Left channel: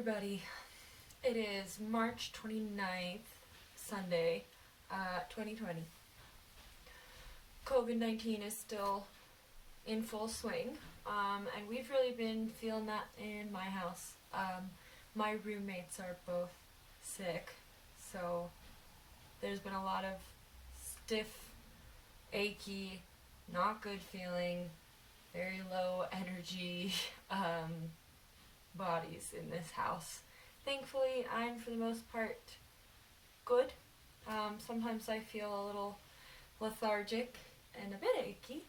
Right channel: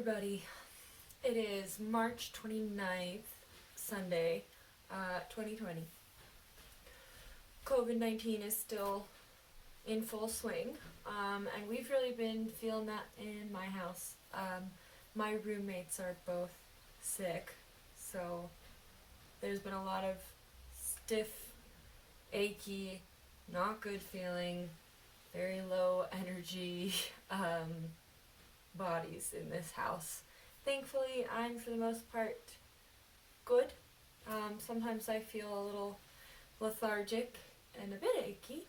everybody. It is March 29th, Sunday, 2020. COVID-19 is still in full swing, and we've really been feeling that in my house. My roommates are both sick, so there's been a lot of stiff, achy, not good feeling, very low energy bodies in this house. Thankfully, I'm for the most part good. Sometimes I feel a little lethargic and a bit achy,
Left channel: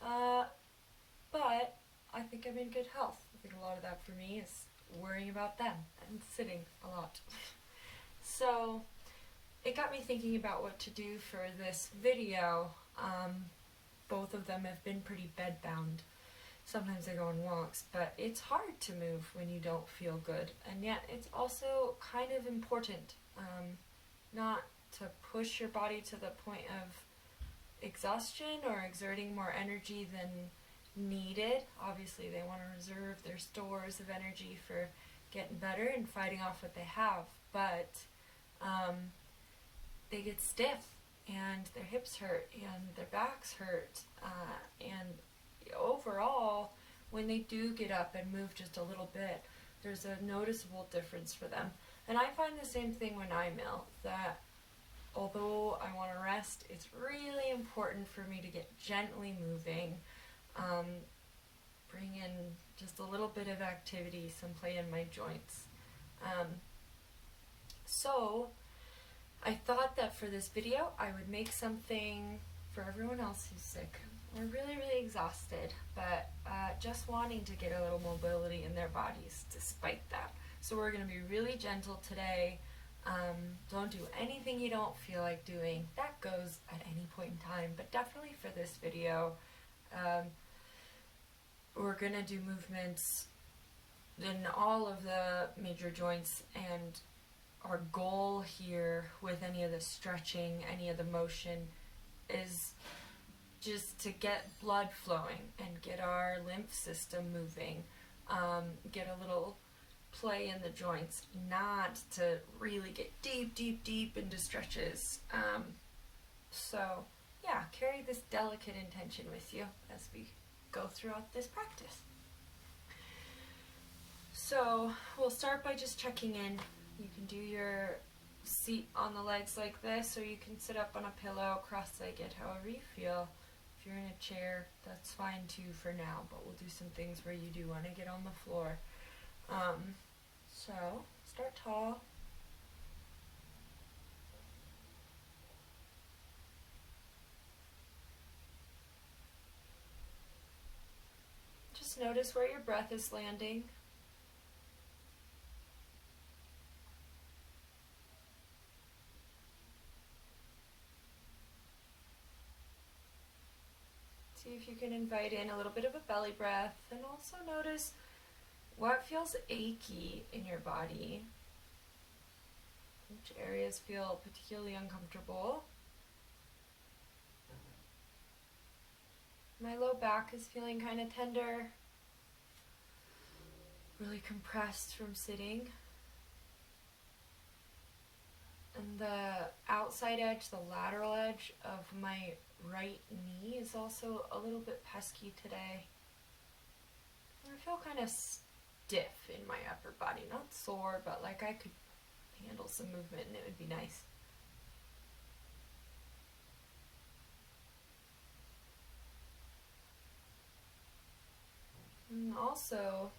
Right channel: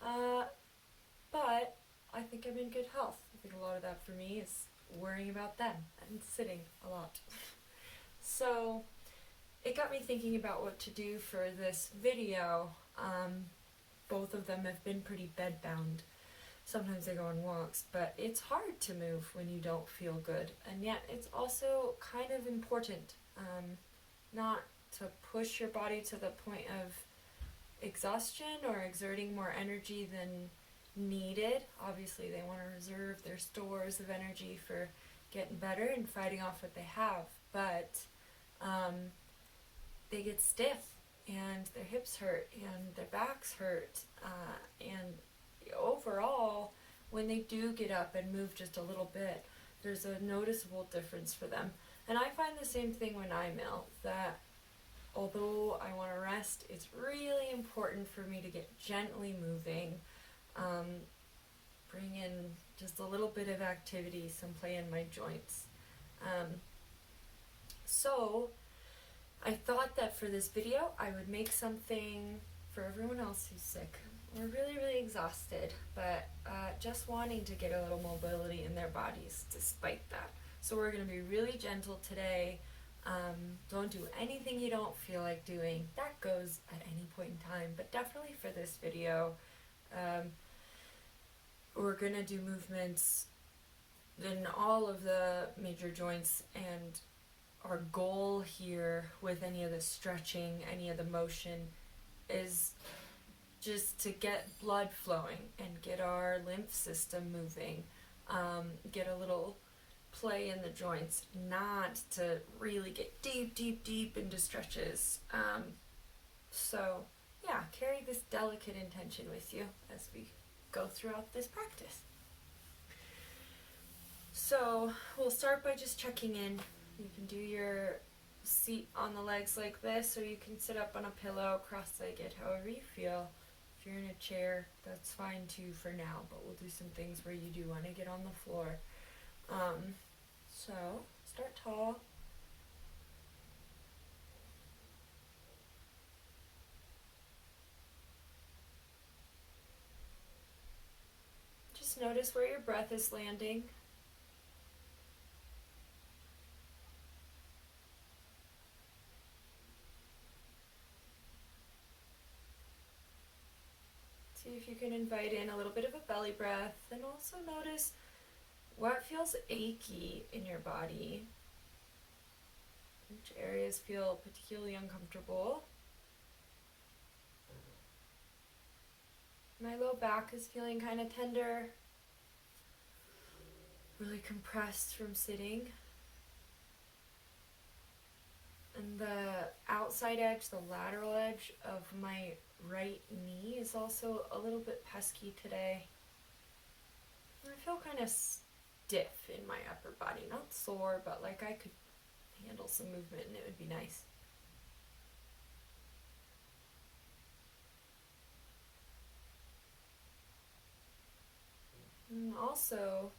but I think I'm in good health. I think a lot of that for me is worrying about them and sitting a lot. So it got me thinking about what to do for this video. Both of them have been pretty bedbound. Sometimes I go on walks, but it's hard to move when you don't feel good, and yet it's also kind of important not to push your body to the point of exhaustion or exerting more energy than needed. Obviously, they want to reserve their stores of energy for getting better and fighting off what they have, but they get stiff and their hips hurt and their backs hurt, and overall, when they do get up and move just a little bit, there's a noticeable difference for them. And I find the same thing when I'm ill, that although I want to rest, it's really important for me to get gently moving, bring in just a little bit of activity, some play in my joints. So I thought that for this video, I would make something for everyone else who's sick or really, really exhausted, but just wanting to get a little mobility in their bodies despite that. So we're going to be really gentle today. Don't do anything you don't feel like doing. That goes at any point in time, but definitely for this video, we're going to do movements in all of the major joints, and our goal here with any of the stretching, any of the motion, is just to get blood flowing and get our lymph system moving, get a little play in the joints, not to really get deep into stretches. So yeah, carry this delicate intention with you as we go throughout this practice. So we'll start by just checking in. You can do your seat on the legs like this, or you can sit up on a pillow cross-legged, however you feel. If you're in a chair, that's fine too for now, but we'll do some things where you do want to get on the floor. So start tall. Just notice where your breath is landing. See if you can invite in a little bit of a belly breath, and also notice what feels achy in your body. Which areas feel particularly uncomfortable. My low back is feeling kind of tender, really compressed from sitting. And the outside edge, the lateral edge of my right knee is also a little bit pesky today. I feel kind of stiff in my upper body, not sore, but like I could handle some movement and it would be nice. And also,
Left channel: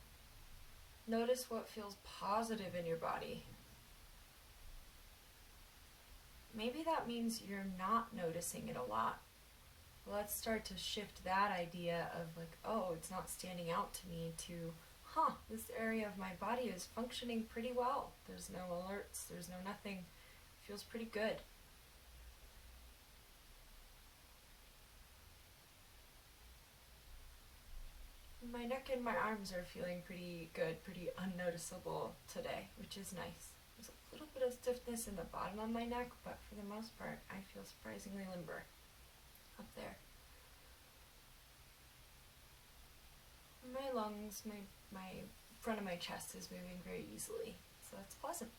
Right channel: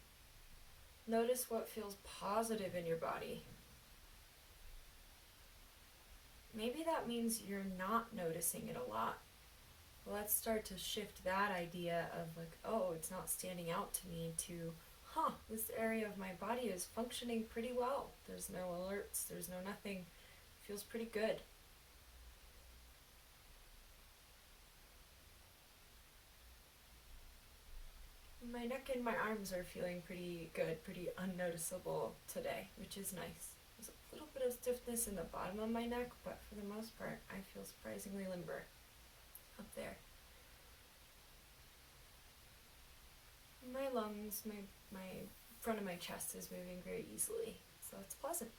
notice what feels positive in your body. Maybe that means you're not noticing it a lot. Let's start to shift that idea of like, oh, it's not standing out to me, to, this area of my body is functioning pretty well. There's no alerts, there's no nothing. It feels pretty good. My neck and my arms are feeling pretty good, pretty unnoticeable today, which is nice. There's a little bit of stiffness in the bottom of my neck, but for the most part, I feel surprisingly limber up there. My lungs, my front of my chest is moving very easily, so that's pleasant.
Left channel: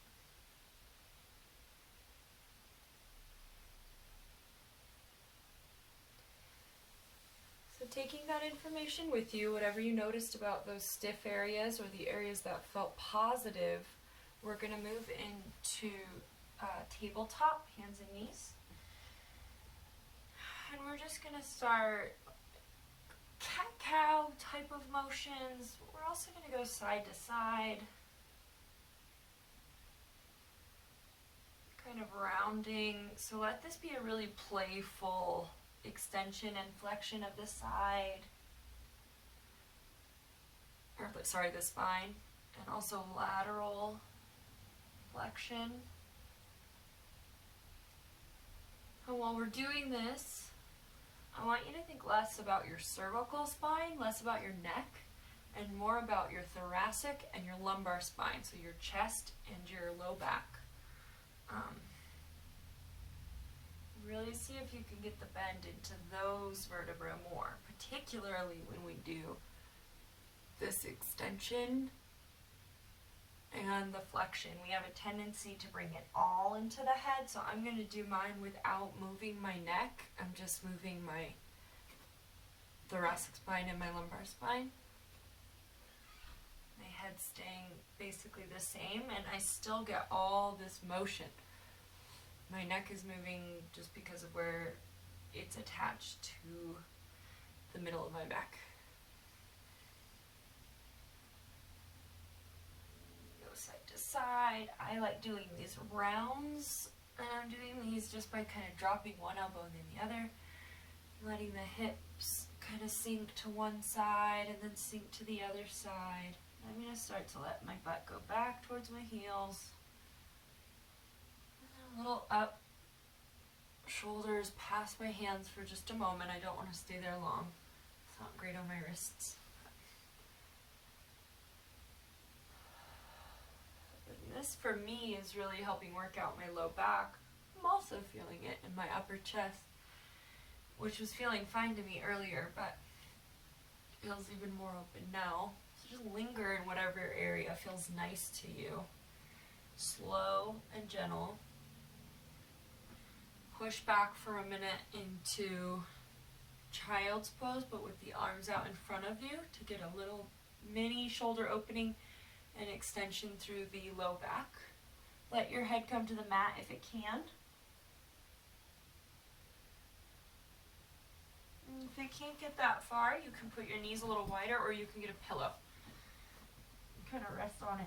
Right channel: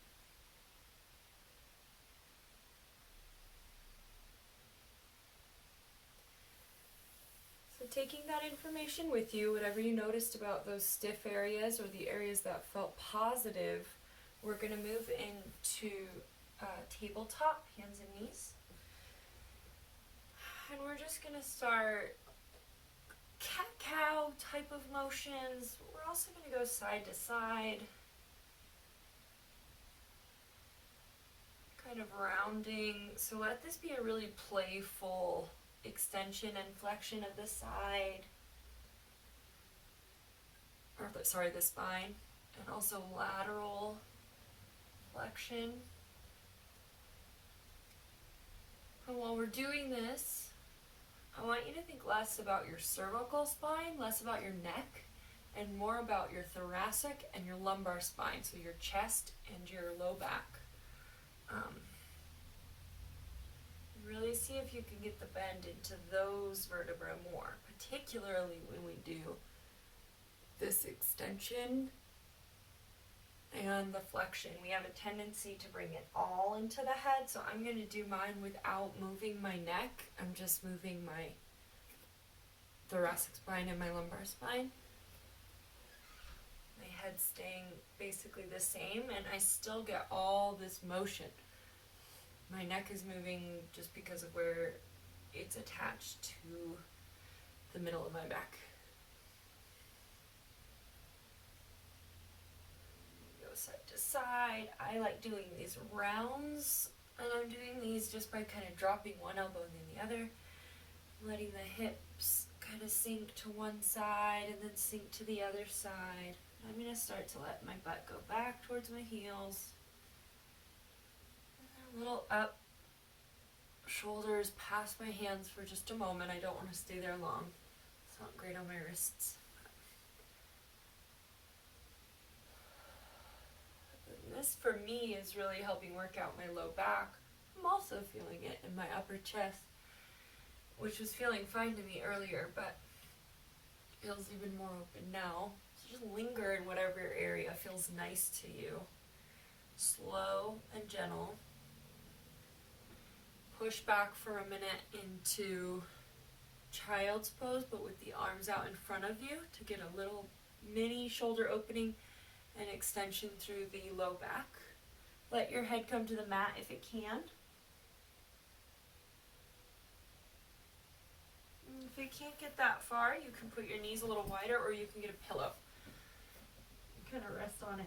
So taking that information with you, whatever you noticed about those stiff areas or the areas that felt positive, we're going to move into tabletop, hands and knees. And we're just going to start cat-cow type of motions. We're also going to go side to side, kind of rounding. So let this be a really playful extension and flexion of the side, or the spine, and also lateral flexion. And while we're doing this, I want you to think less about your cervical spine, less about your neck, and more about your thoracic and your lumbar spine, so your chest and your low back. Really see if you can get the bend into those vertebrae more, particularly when we do this extension and the flexion. We have a tendency to bring it all into the head, so I'm going to do mine without moving my neck. I'm just moving my thoracic spine and my lumbar spine. My head staying basically the same, and I still get all this motion. My neck is moving just because of where it's attached to the middle of my back. Go side to side. I like doing these rounds, and I'm doing these just by kind of dropping one elbow and then the other, letting the hips kind of sink to one side and then sink to the other side. I'm going to start to let my butt go back towards my heels. A little up, shoulders past my hands for just a moment. I don't want to stay there long. It's not great on my wrists. This for me is really helping work out my low back. I'm also feeling it in my upper chest, which was feeling fine to me earlier, but feels even more open now. So just linger in whatever area feels nice to you. Slow and gentle. Push back for a minute into child's pose, but with the arms out in front of you to get a little mini shoulder opening and extension through the low back. Let your head come to the mat if it can. And if you can't get that far, you can put your knees a little wider, or you can get a pillow. Kind of rest on it.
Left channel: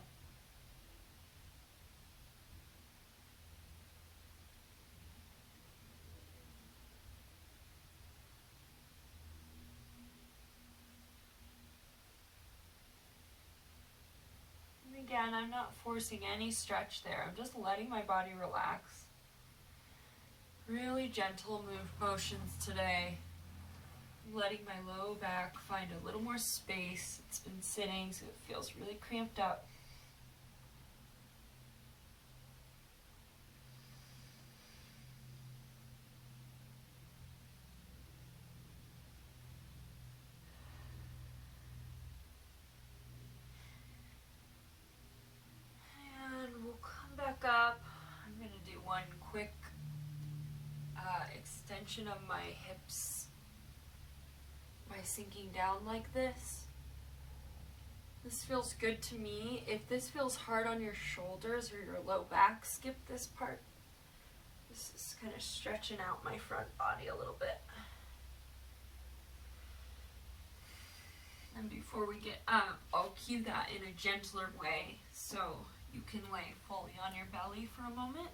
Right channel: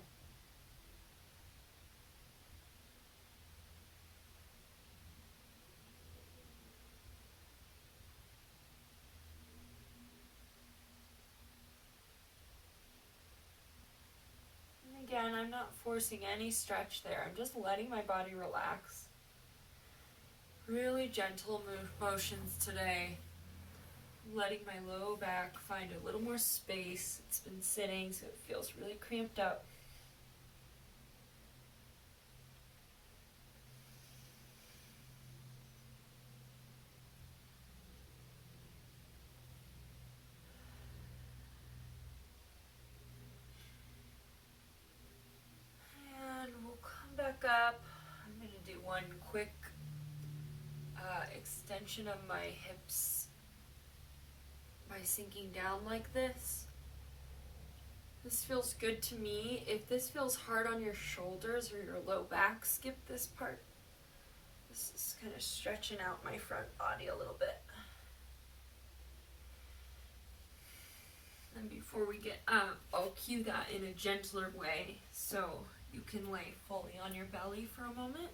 Again, I'm not forcing any stretch there. I'm just letting my body relax. Really gentle motions today. Letting my low back find a little more space. It's been sitting, so it feels really cramped up. Up. I'm going to do one quick extension of my hips by sinking down like this. This feels good to me. If this feels hard on your shoulders or your low back, skip this part. This is kind of stretching out my front body a little bit. And before we get up, I'll cue that in a gentler way, so you can lay fully on your belly for a moment,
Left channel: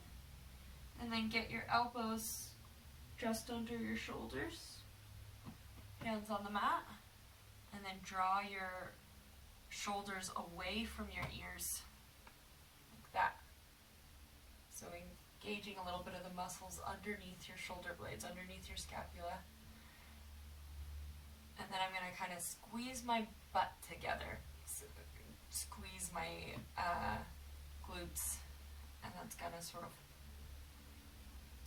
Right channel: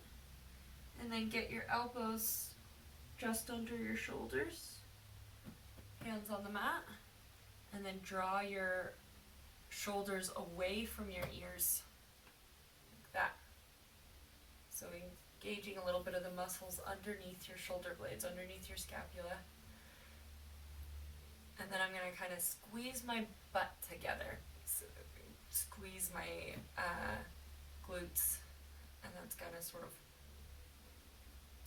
and then get your elbows just under your shoulders, hands on the mat, and then draw your shoulders away from your ears, like that. So engaging a little bit of the muscles underneath your shoulder blades, underneath your scapula. And then I'm going to kind of squeeze my butt together, so squeeze my glutes, and that's going to sort of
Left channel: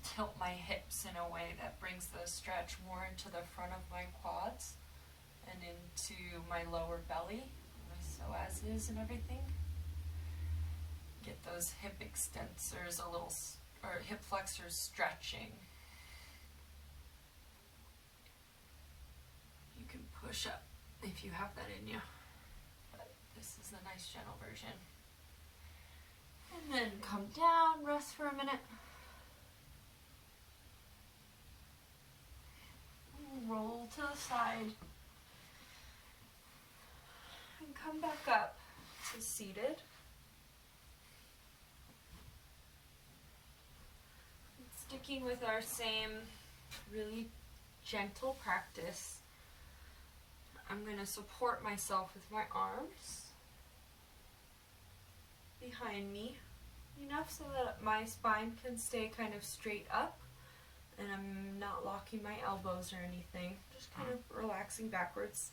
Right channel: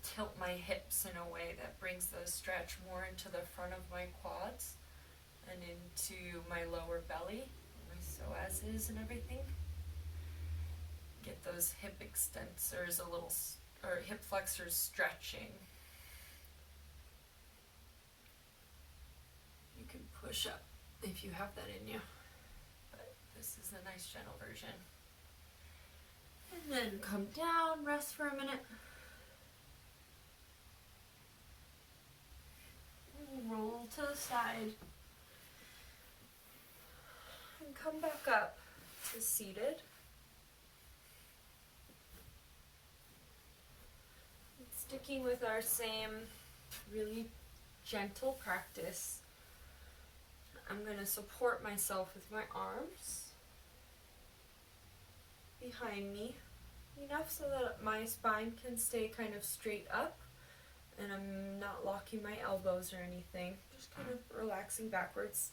tilt my hips in a way that brings the stretch more into the front of my quads and into my lower belly. My so as is and everything. Get those hip extensors a little, or hip flexors stretching. You can push up if you have that in you, but this is the nice gentle version. And then come down, rest for a minute. Roll to the side. And come back up to seated. And sticking with our same really gentle practice, I'm going to support myself with my arms behind me, enough so that my spine can stay kind of straight up and I'm not locking my elbows or anything, just kind of relaxing backwards.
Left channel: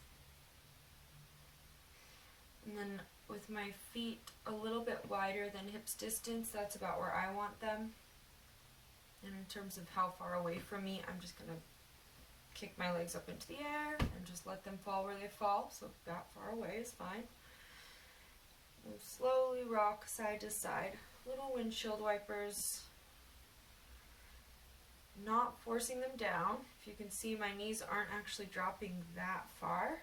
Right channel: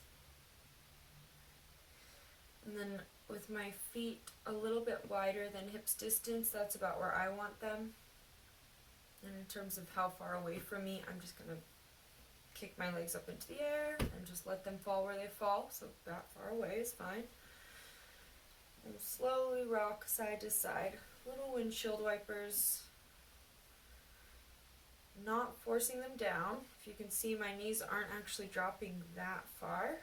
And then with my feet a little bit wider than hips distance, that's about where I want them. And in terms of how far away from me, I'm just going to kick my legs up into the air and just let them fall where they fall, so that far away is fine. And slowly rock side to side, little windshield wipers, not forcing them down. If you can see, my knees aren't actually dropping that far.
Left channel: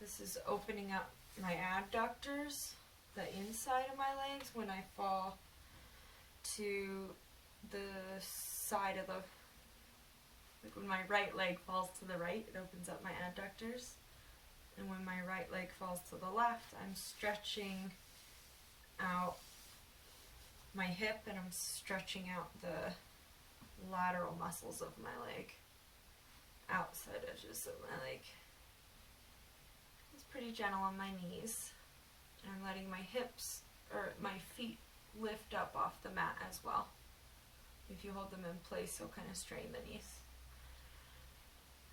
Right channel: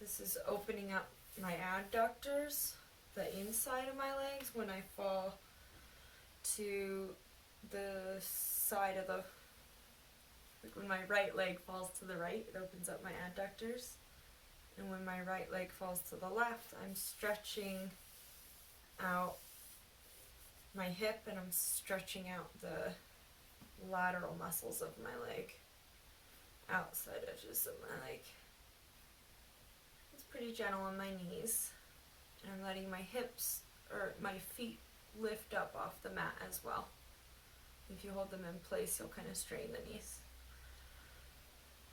This is opening up my adductors, the inside of my legs, when I fall to the side of the, like when my right leg falls to the right, it opens up my adductors. And when my right leg falls to the left, I'm stretching out my hip and I'm stretching out the lateral muscles of my leg, outside edges of my leg. It's pretty gentle on my knees. And I'm letting my hips, or my feet, lift up off the mat as well. If you hold them in place, you'll kind of strain the knees.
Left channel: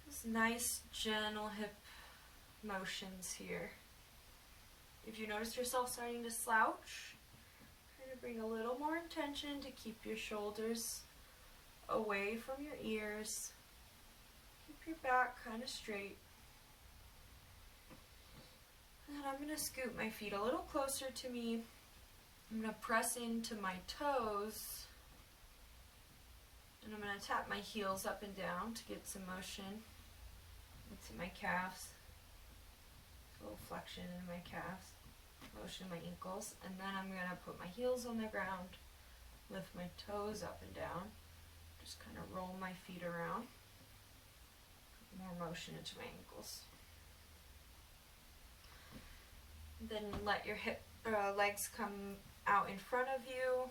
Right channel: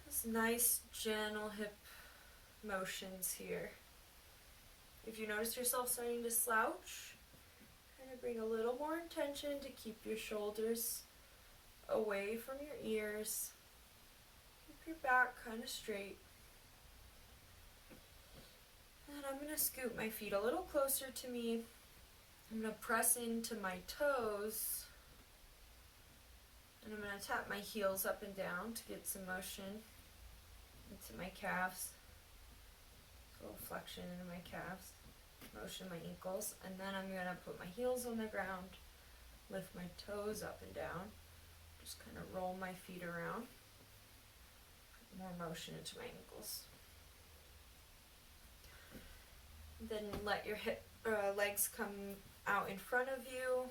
Just nice, gentle hip motions here. If you notice yourself starting to slouch, kind of bring a little more intention to keep your shoulders away from your ears. Keep your back kind of straight. And I'm going to scoot my feet a little closer to me. I'm going to press into my toes. And I'm going to tap my heels up and down to get some motion into my calves. A little flexion into my calves. Motion my ankles. And then I'm going to put my heels on the ground. Lift my toes up and down. Just kind of roll my feet around. More motion into my ankles. Then let your legs come out in front of you.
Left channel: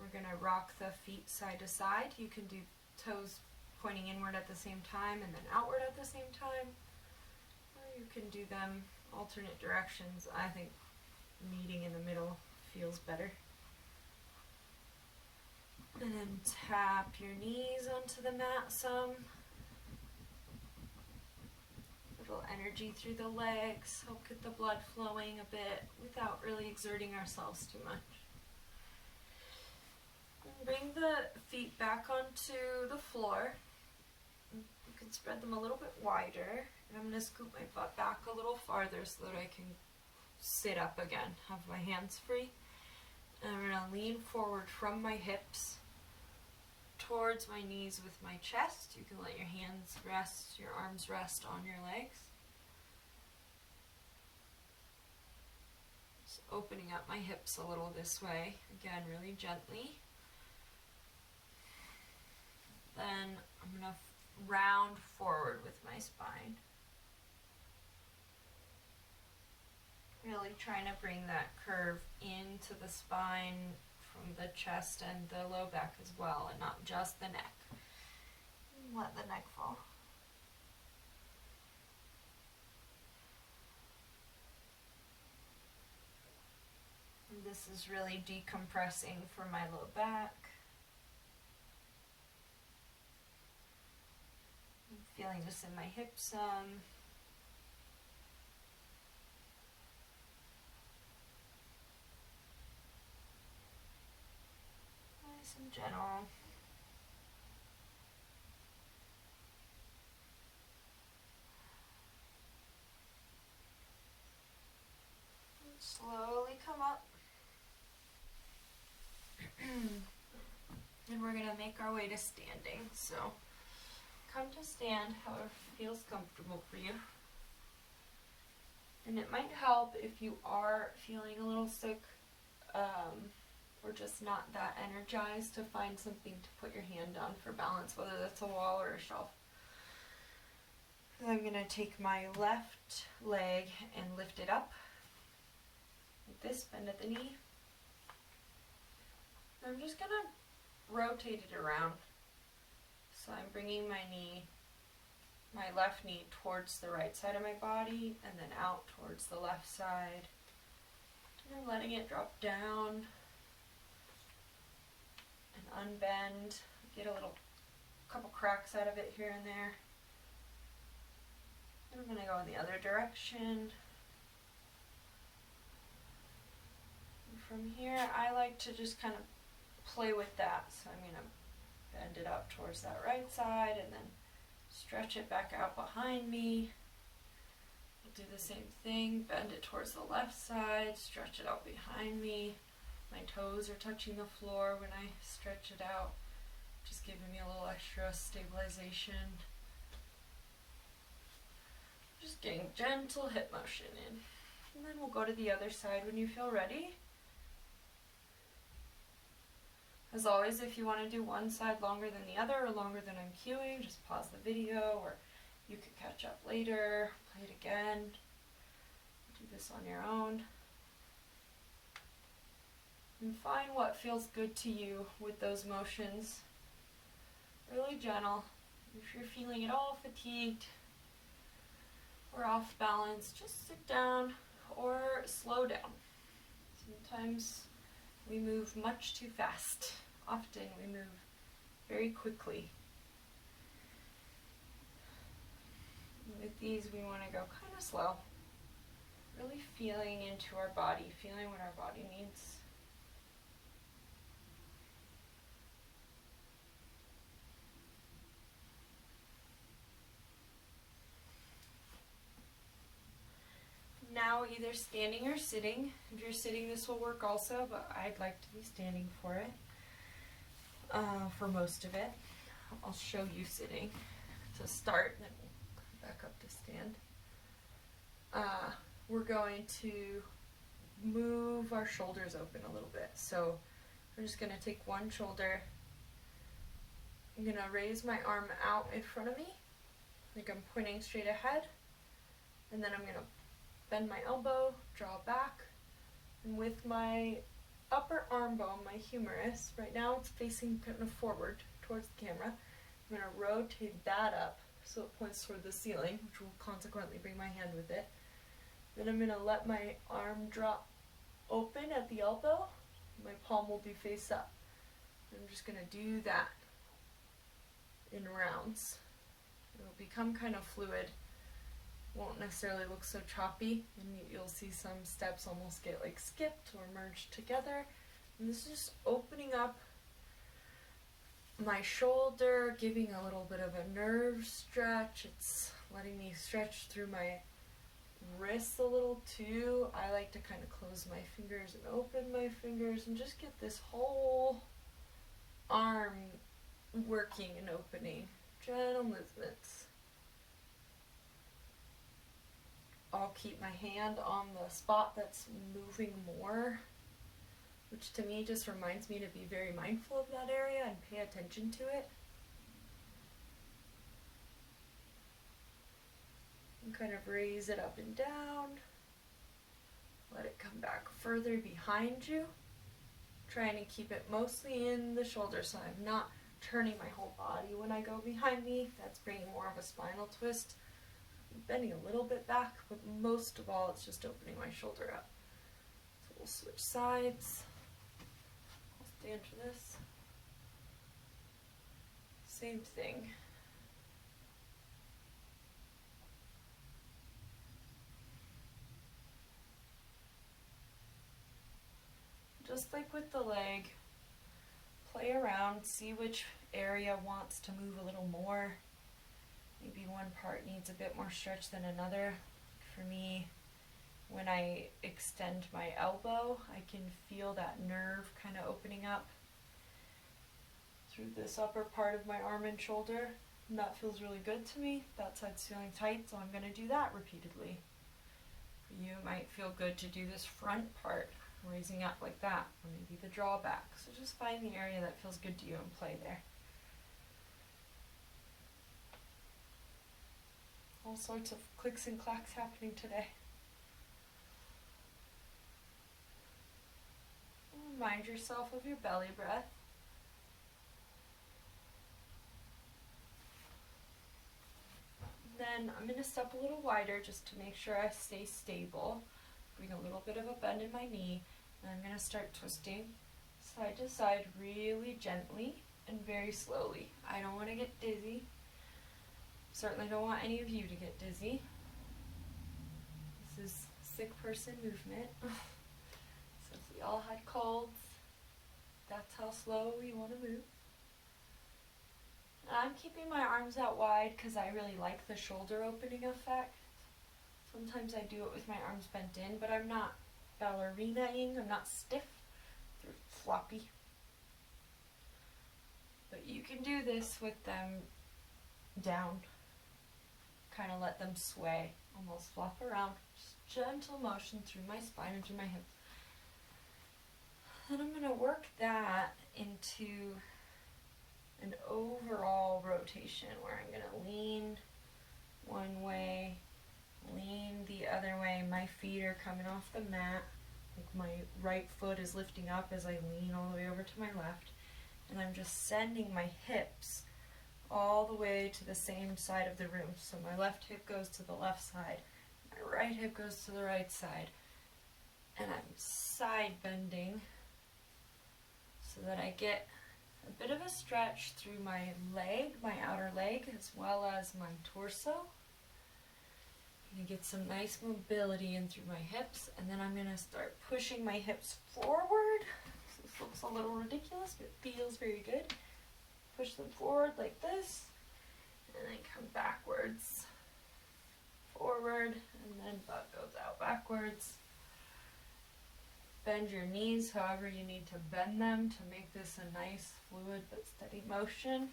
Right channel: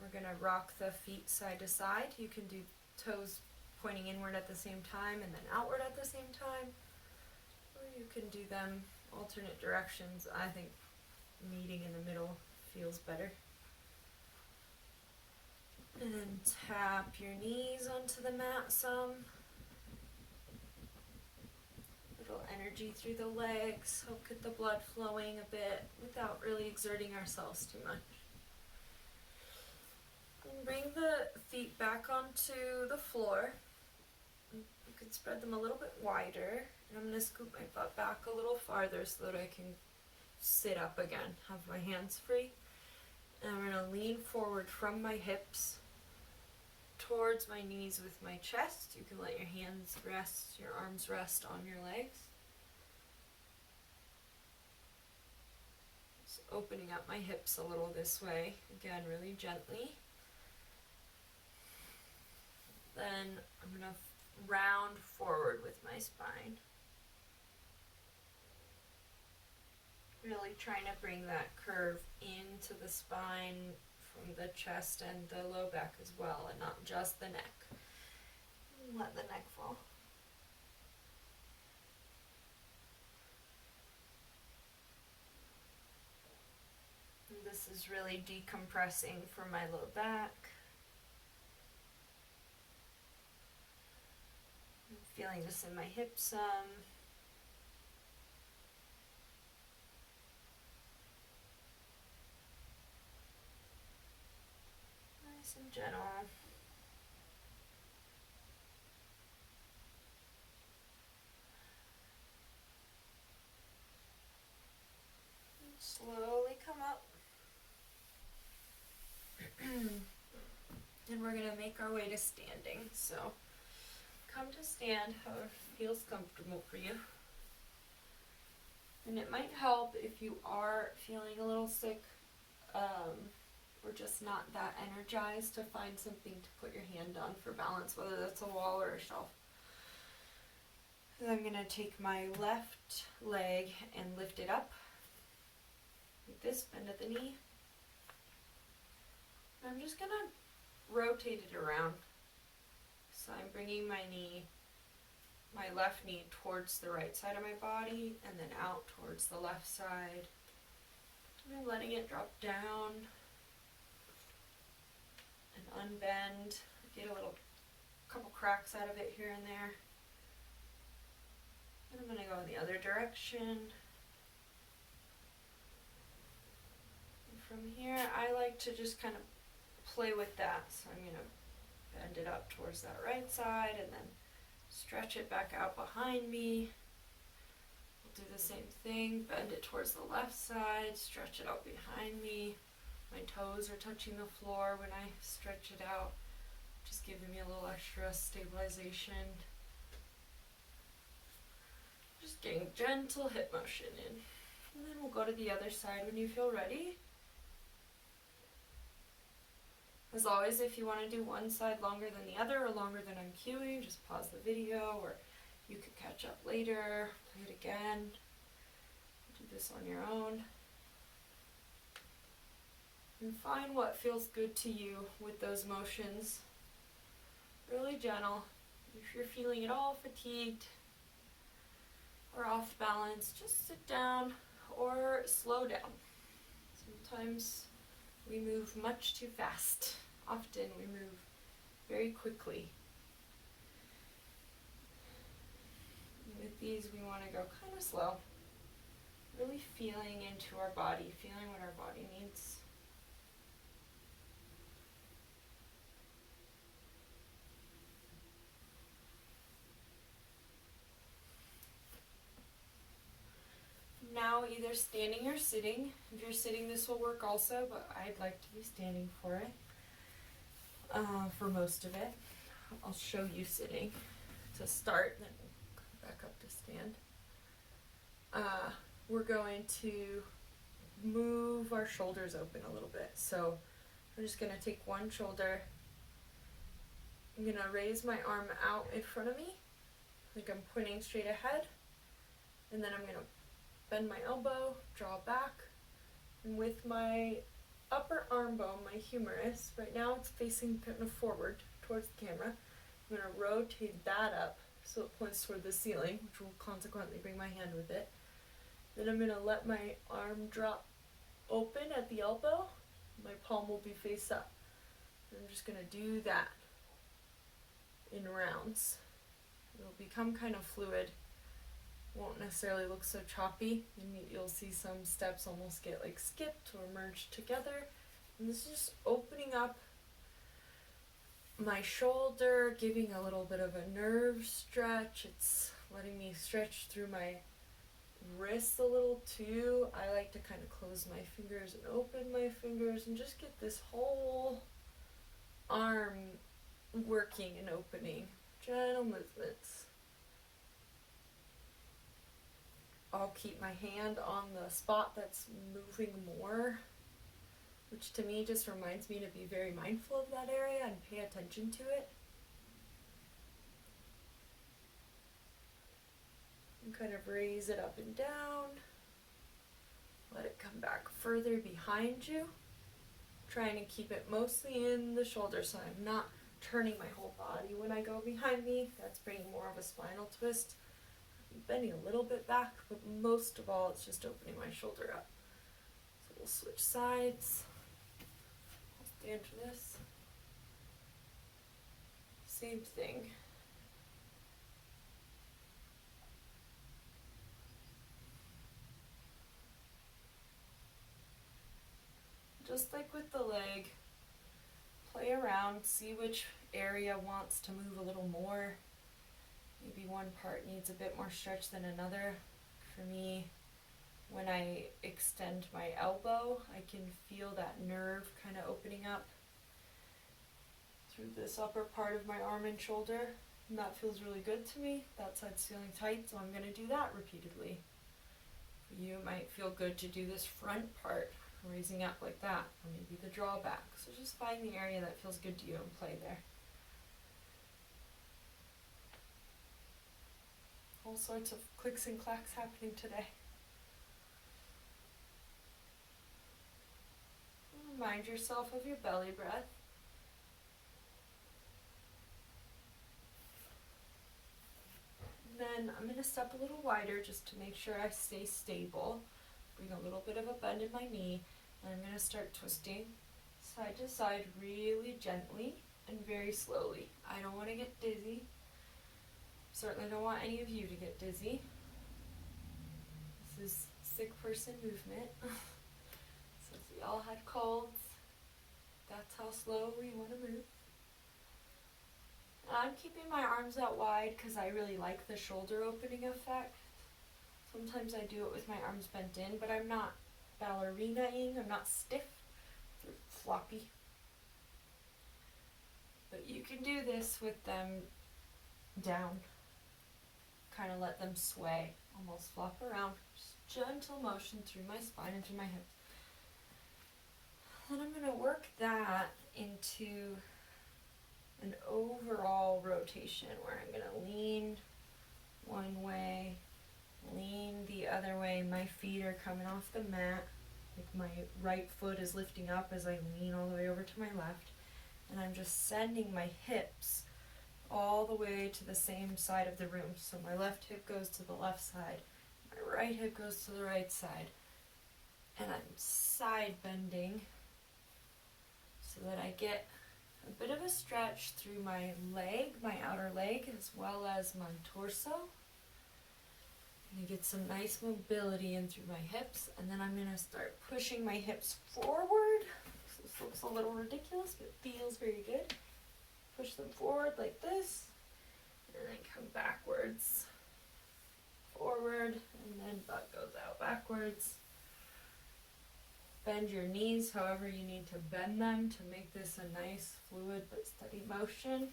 We're going to rock the feet side to side. You can do toes pointing inward at the same time and then outward at the same time. Or you can do them alternate directions. I think meeting in the middle feels better. And then tap your knees onto the mat some. Little energy through the legs, help get the blood flowing a bit without really exerting ourselves too much. And bring the feet back onto the floor. You can spread them a little bit wider. And I'm going to scoop my butt back a little farther so that I can sit up again, have my hands free. And I'm going to lean forward from my hips towards my knees with my chest. You can let your hands rest, your arms rest on your legs. Just opening up my hips a little this way, again, really gently. Then I'm going to round forward with my spine. Really trying to bring that curve into the spine from the chest and the low back as well, and not just the neck. Let the neck fall. And this is really decompressing for my low back. I'm feeling this in my hips some. Nice and gentle. going to make our way to standing. So come to stand however feels comfortable for you. And it might help if you are feeling a little sick or just not that energized to find something to put your hand on for balance, whether that's a wall or a shelf. And I'm going to take my left leg and lift it up like this, bend at the knee. And I'm just going to rotate it around. So I'm bringing my left knee towards the right side of my body and then out towards the left side. And I'm letting it drop down and unbend. Get a couple cracks out of it here and there. And I'm going to go in the other direction. And from here, I like to just kind of play with that. So I'm going to bend it up towards that right side and then stretch it back out behind me. We'll do the same thing, bend it towards the left side, stretch it out behind me. My toes are touching the floor when I stretch it out, just giving me a little extra stabilization. Just getting gentle hip motion in. And then we'll go to the other side when you feel ready. As always, if you want to do one side longer than the other or longer than I'm cueing, just pause the video, or you could catch up later, play it again, do this on your own. And find what feels good to you with those motions. Really gentle. If you're feeling at all fatigued or off balance, just sit down or slow down. Sometimes we move much too fast. Often we move very quickly. And with these, we want to go kind of slow. Really feeling into our body, feeling what our body needs. Now either standing or sitting. If you're sitting, this will work also, but I'd like to be standing for it, for most of it. I'll show you sitting to start, then we'll come back up to stand. We're going to move our shoulders open a little bit. So I'm just going to take one shoulder. I'm going to raise my arm out in front of me, like I'm pointing straight ahead, and then I'm going to bend my elbow, draw back, and with my upper arm bone, my humerus, right now it's facing kind of forward towards the camera. I'm going to rotate that up so it points toward the ceiling, which will consequently bring my hand with it. Then I'm going to let my arm drop open at the elbow. My palm will be face up. I'm just going to do that in rounds. It'll become kind of fluid. Won't necessarily look so choppy, and you'll see some steps almost get like skipped or merged together. And this is just opening up my shoulder, giving a little bit of a nerve stretch. It's letting me stretch through my wrists a little too. I like to kind of close my fingers and open my fingers and just get this whole arm working and opening. Gentle movements. I'll keep my hand on the spot that's moving more, which to me just reminds me to be very mindful of that area and pay attention to it. And kind of raise it up and down. Let it come back further behind you. Trying to keep it mostly in the shoulder, so I'm not turning my whole body when I go behind me. That's bringing more of a spinal twist. Bending a little bit back, but most of all it's just opening my shoulder up. So we'll switch sides. I'll stand for this. Same thing. Just like with the leg, play around, see which area wants to move a little more. Maybe one part needs a bit more stretch than another. For me, when I extend my elbow, I can feel that nerve kind of opening up. through this upper part of my arm and shoulder, and that feels really good to me. That side's feeling tight, so I'm going to do that repeatedly. For you, it might feel good to do this front part, raising up like that, or maybe the drawback. So just find the area that feels good to you and play there. All sorts of clicks and clacks happening today. Remind yourself of your belly breath. Then I'm going to step a little wider just to make sure I stay stable. Bring a little bit of a bend in my knee, and I'm going to start twisting side to side really gently and very slowly. I don't want to get dizzy. Certainly don't want any of you to get dizzy. This is sick person movement. So if we all had colds, that's how slow we want to move. I'm keeping my arms out wide because I really like the shoulder opening effect. Sometimes I do it with my arms bent in, but I'm not ballerina-ing, I'm not stiff, they're floppy. But you can do this with them down. Kind of let them sway, almost flop around. Just gentle motion through my spine and through my hips. Then I'm going to work that into an overall rotation where I'm going to lean one way, lean the other way. My feet are coming off the mat. Like my right foot is lifting up as I lean all the way over to my left. And I'm just sending my hips all the way to the same side of the room. So my left hip goes to the left side, my right hip goes to the right side. And I'm side bending so that I get a bit of a stretch through my leg, my outer leg, as well as my torso. I'm going to get some nice mobility in through my hips, and then I'm going to start pushing my hips forward. So this looks a little ridiculous, but it feels very good. Push them forward like this, and then come backwards, forward, and then butt goes out backwards. Bend your knees however you need to bend them to make this a nice, fluid, but steady motion.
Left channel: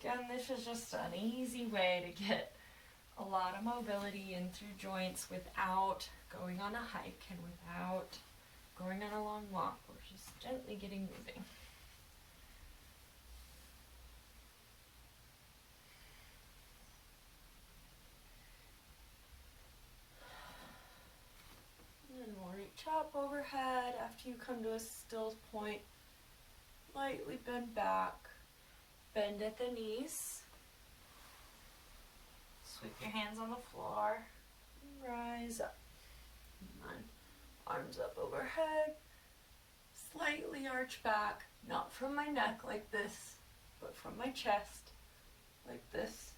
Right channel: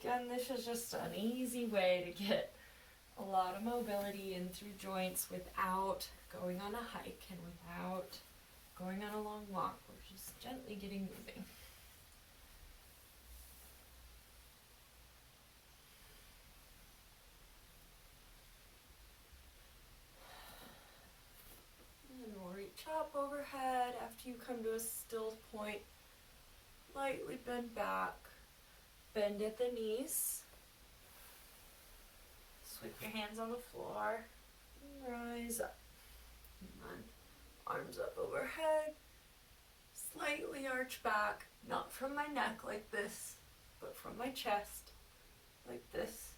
Again, this is just an easy way to get a lot of mobility in through joints without going on a hike and without going on a long walk. We're just gently getting moving. And we'll reach up overhead after you come to a still point. Lightly bend back. Bend at the knees. Sweep your hands on the floor. And rise up. Come on. Arms up overhead. Slightly arch back. Not from my neck like this, but from my chest like this.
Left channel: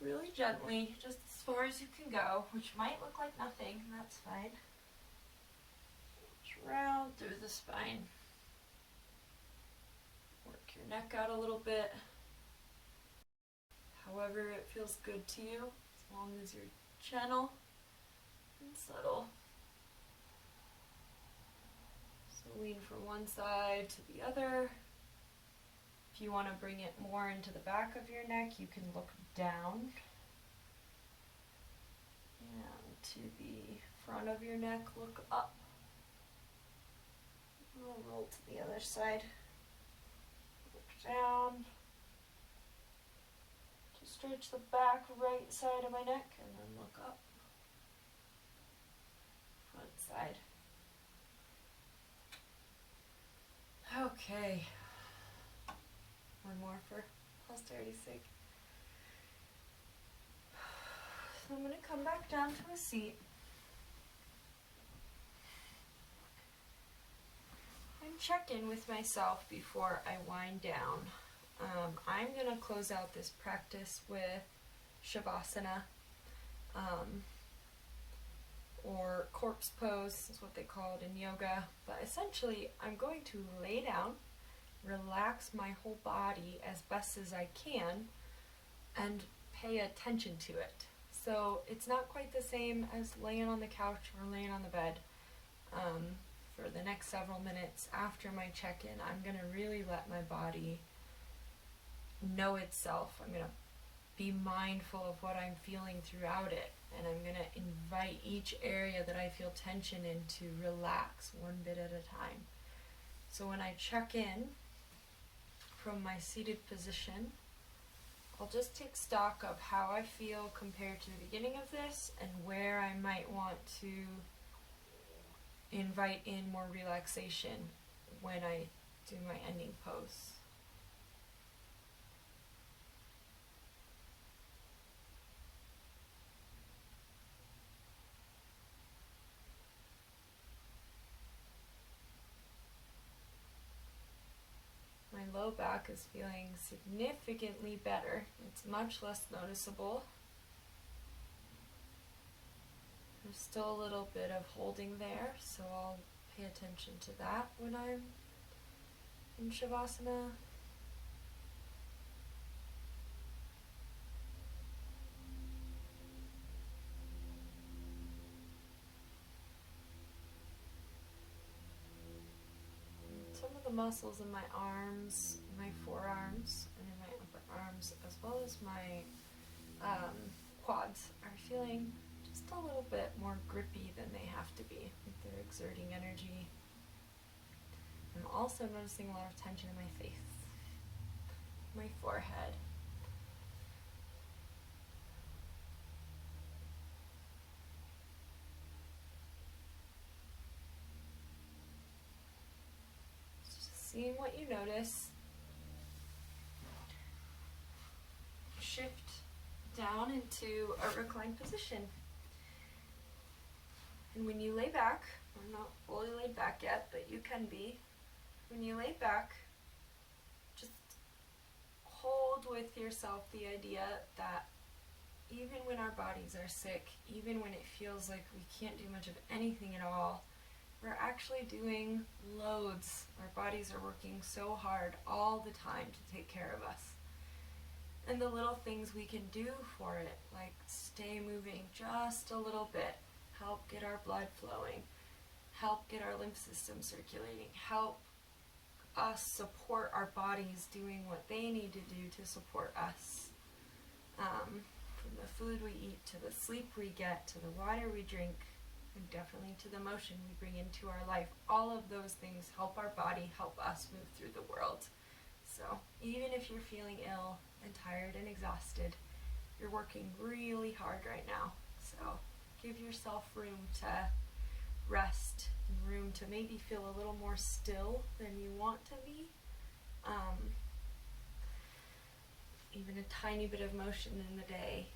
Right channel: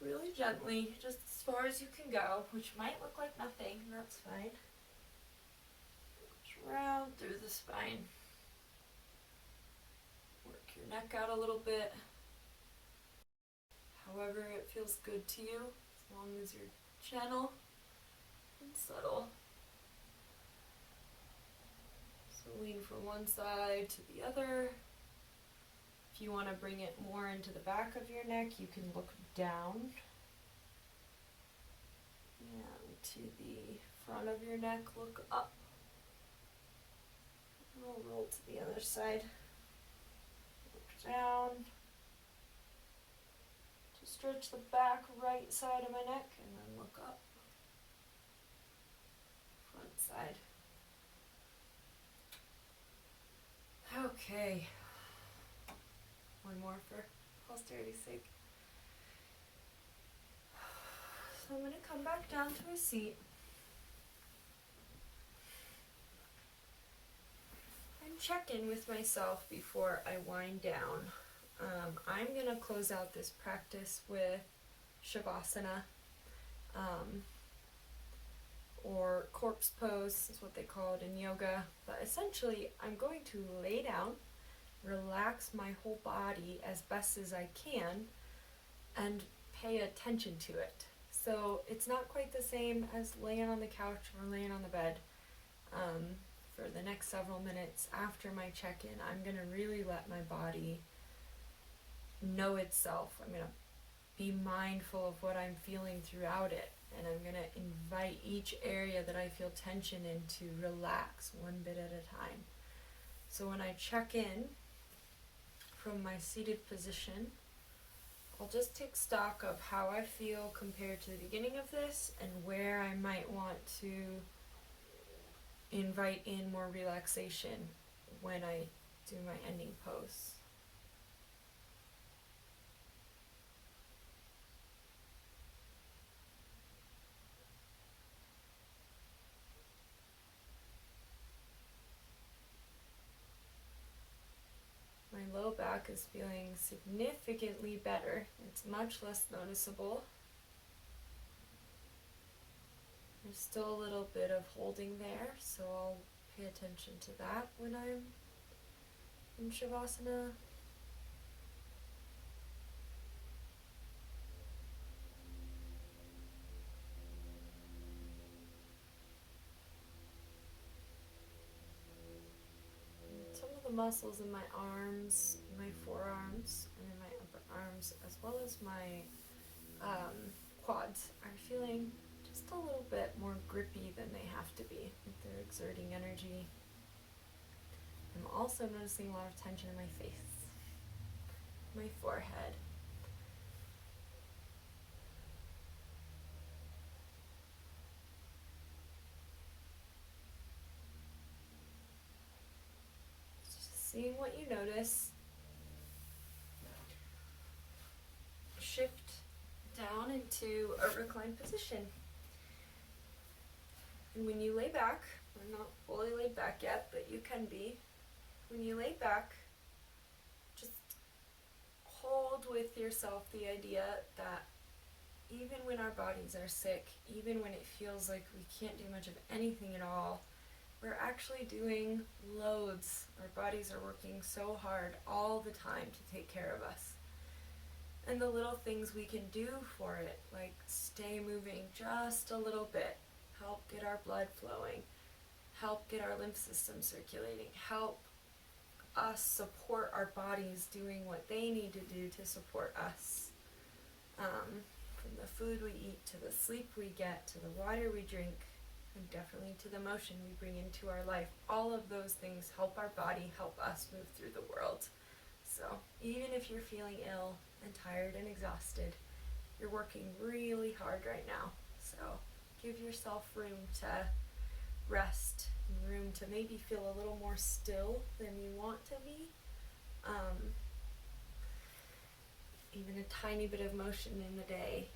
Really gently, just as far as you can go, which might look like nothing, and that's fine. Just round through the spine. Work your neck out a little bit. However it feels good to you, as long as you're gentle and subtle. So lean from one side to the other. If you want to bring it more into the back of your neck, you can look down and to the front of your neck, look up. I'll roll to the other side. Look down to stretch the back right side of my neck, and then look up. Front side. Okay. One more for posterity's sake. So I'm going to come back down to a seat. And check in with myself before I wind down. I'm going to close out this practice with Shavasana, or corpse pose is what they call it in yoga. But essentially, I'm going to lay down, relax my whole body as best as I can, and pay attention to it. So it's not quite the same as laying on the couch or laying on the bed. for the next several minutes after my check-in, I'm going to really let my body know itself. I'm going to be mindful of what I'm feeling throughout it, and I'm going to invite each area that I feel tension in to relax one bit at a time. So when I check in from my seated position, I'll just take stock of how I feel compared to the beginning of this and where I might want to invite in more relaxation when I do my ending pose. My low back is feeling significantly better. It's much less noticeable. There's still a little bit of holding there, so I'll pay attention to that when I'm in Shavasana. Some of the muscles in my arms, my forearms, and in my upper arms, as well as my quads, are feeling just a little bit more grippy than they have to be. They're exerting energy. I'm also noticing a lot of tension in my face, my forehead. Just seeing what you notice. Shift down into a reclined position. And when you lay back, I'm not fully laid back yet, but you can be. When you lay back, just hold with yourself the idea that even when our bodies are sick, even when it feels like we can't do much of anything at all, we're actually doing loads. Our bodies are working so hard all the time to take care of us. And the little things we can do for it, like stay moving just a little bit, help get our blood flowing, help get our lymph system circulating, help us support our bodies doing what they need to do to support us. From the food we eat, to the sleep we get, to the water we drink, and definitely to the motion we bring into our life. All of those things help our body, help us move through the world. So even if you're feeling ill and tired and exhausted, you're working really hard right now. So give yourself room to rest, room to maybe feel a little more still than you want to be. Even a tiny bit of motion in the day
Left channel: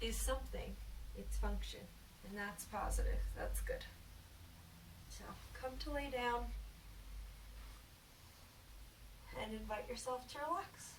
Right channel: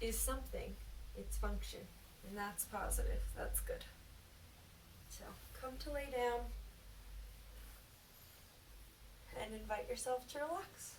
is something. It's function, and that's positive. That's good. So come to lay down and invite yourself to relax.